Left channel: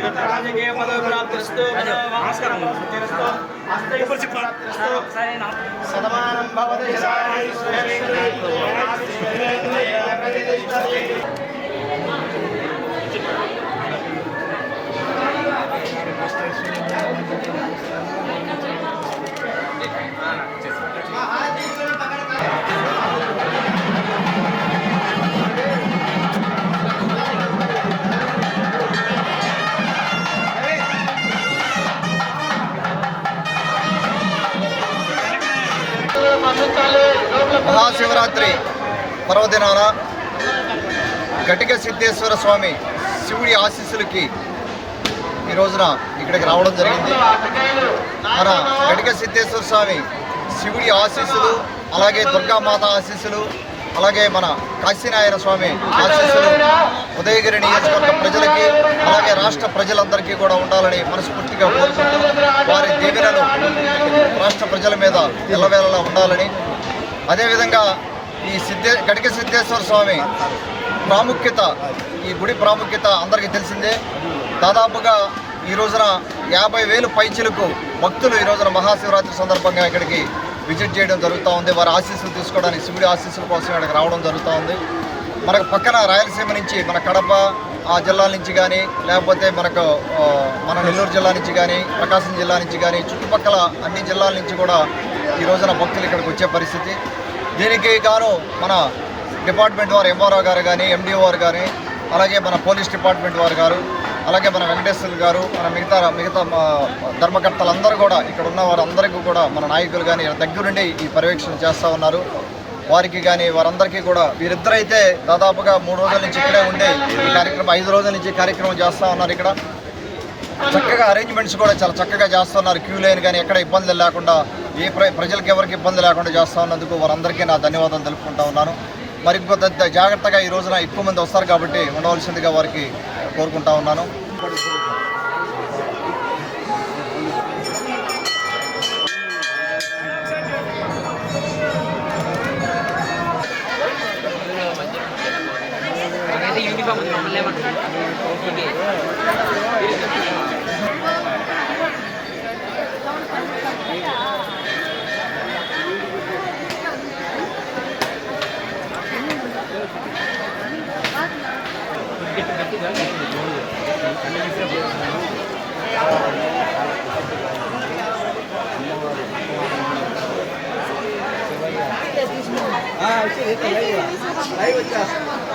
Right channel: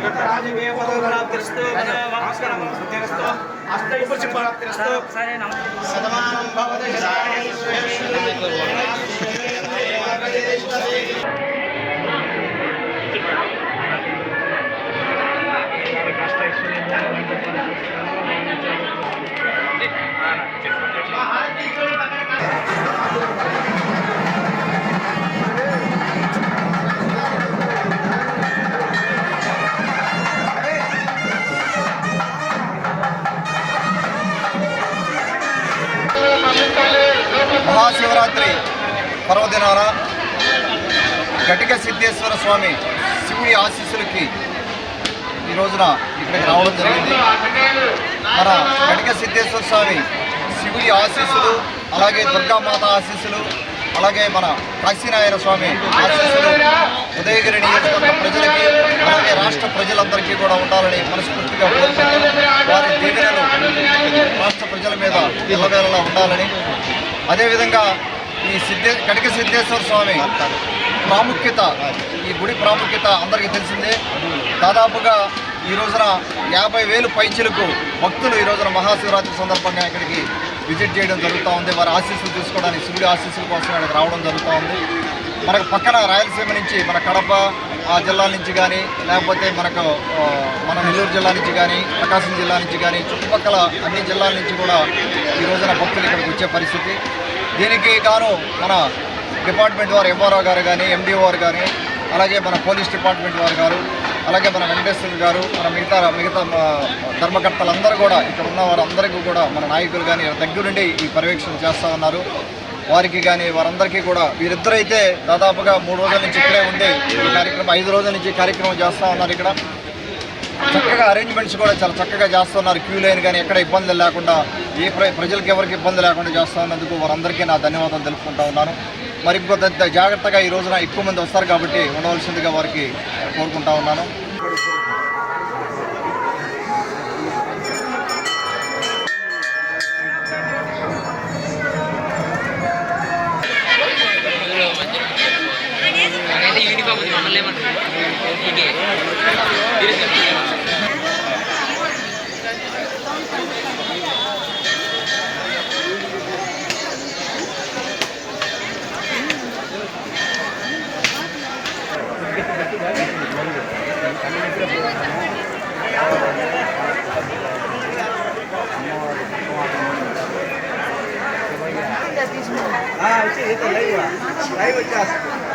రాజకీయ పదవిప్రాప్తిరస్తు నమస్కారం. ప్రాప్తిరస్తు అష్టైపురుష ప్రాప్తిరస్తు శతమానం భవతి మహాశివరాత్రి పర్వదినాన ఘటిక సిద్ధేశ్వర స్వామి శివుడి ఆశీస్సులకి ఈ రోజున ఇక్కడికి రావడం జరిగింది. మన ఘటిక సిద్ధేశ్వర స్వామి శివుడి ఆశీస్సులు అలాగే దుర్గామాత ఆశీస్సులు అలాగే మన కాశీనారాయణ స్వామి ఆశీస్సులు ఉదయగిరి నియోజకవర్గ ప్రజలకి అలాగే రాష్ట్ర ప్రజలందరికీ కూడా ఉండాలని మనస్ఫూర్తిగా కోరుకుంటూ వారి దీవెనలు రాష్ట్ర ప్రజల మీద ఎల్లవేళలా ఉండాలని. అదేవిధంగా ఈ సిద్ధే కటిక సిద్ధేశ్వర స్వామి ప్రాముఖ్యత ఈ గుడి ప్రాముఖ్యత అందరికీ తెలిసిందే. దాదాపుగా ఈ రోజున యాభై వేలు పైచీలకు భక్తులు ఈ రోజున మహాశివరాత్రి సందర్భంగా ఇక్కడికి విజిట్ చేయడం జరుగుతూ ఉంది. వారి ఆశీస్సులు తీసుకోవడానికి శివుడి ఆశీస్సుల కోసం ఇక్కడికి రావడం జరుగుతూ ఉంది. మనకు పక్కన రాయలసీమ నుంచి మన కడప ఆ జిల్లాల నుంచి కానీ లేకపోతే మనకు మన నెల్లూరు జిల్లా నుంచి కానీ ప్రకాశం జిల్లా నుంచి కానీ చుట్టుపక్కల అన్ని జిల్లాల నుంచి కూడా ఈ రోజున భక్తులు ఇక్కడికి వచ్చే పరిస్థితి. దీనికి గాను మన డిపార్ట్మెంట్ వారు ఎంఆర్ఓ గారు కానీ ఎండిఓ గారు కానీ అలాగే మన పోలీస్ డిపార్ట్మెంట్ వారు గారు అలాగే మన వెంకటేశ్వర గారు మన మిగతా మిగతా ధర్మకర్తలందరూ కూడా ఇక్కడ ఉన్న వారందరికీ కూడా మన నాయకులు కానీ దగ్గరుండి ఈ పర్యవేక్షణ చేస్తూ ఉన్నారు. వారికి కానీ వారందరికీ కూడా వీరిద్దరైతే దాదాపుగా మూడు రోజుల నుంచి ఇక్కడే ఉండి కార్యక్రమం ఐదు రోజుల నుంచి కార్యక్రమం చేస్తూ ఉన్నారు ఇక్కడ. చక్కగా అరేంజ్మెంట్స్ కూడా చాలా చక్కగా చేస్తున్నారు. క్యూ లైన్ కానీ ఎక్కడ ఇబ్బందులు లేకుండా ఏ ప్రజలకు ఎవరికి ఇబ్బంది లేకుండా చేస్తూ ఉన్నందుకు వారందరికీ నా ధన్యవాదాలు తెలుపుకుంటా ఉన్నాను. మరి జాగ్రత్తగా ఈ రోజున ఎక్కువ మంది వస్తారు కాబట్టి ఉండవలసిందిగా వారికి కోరుకుంటా ఉన్నాను. లైవ్ వచ్చేస్తుంది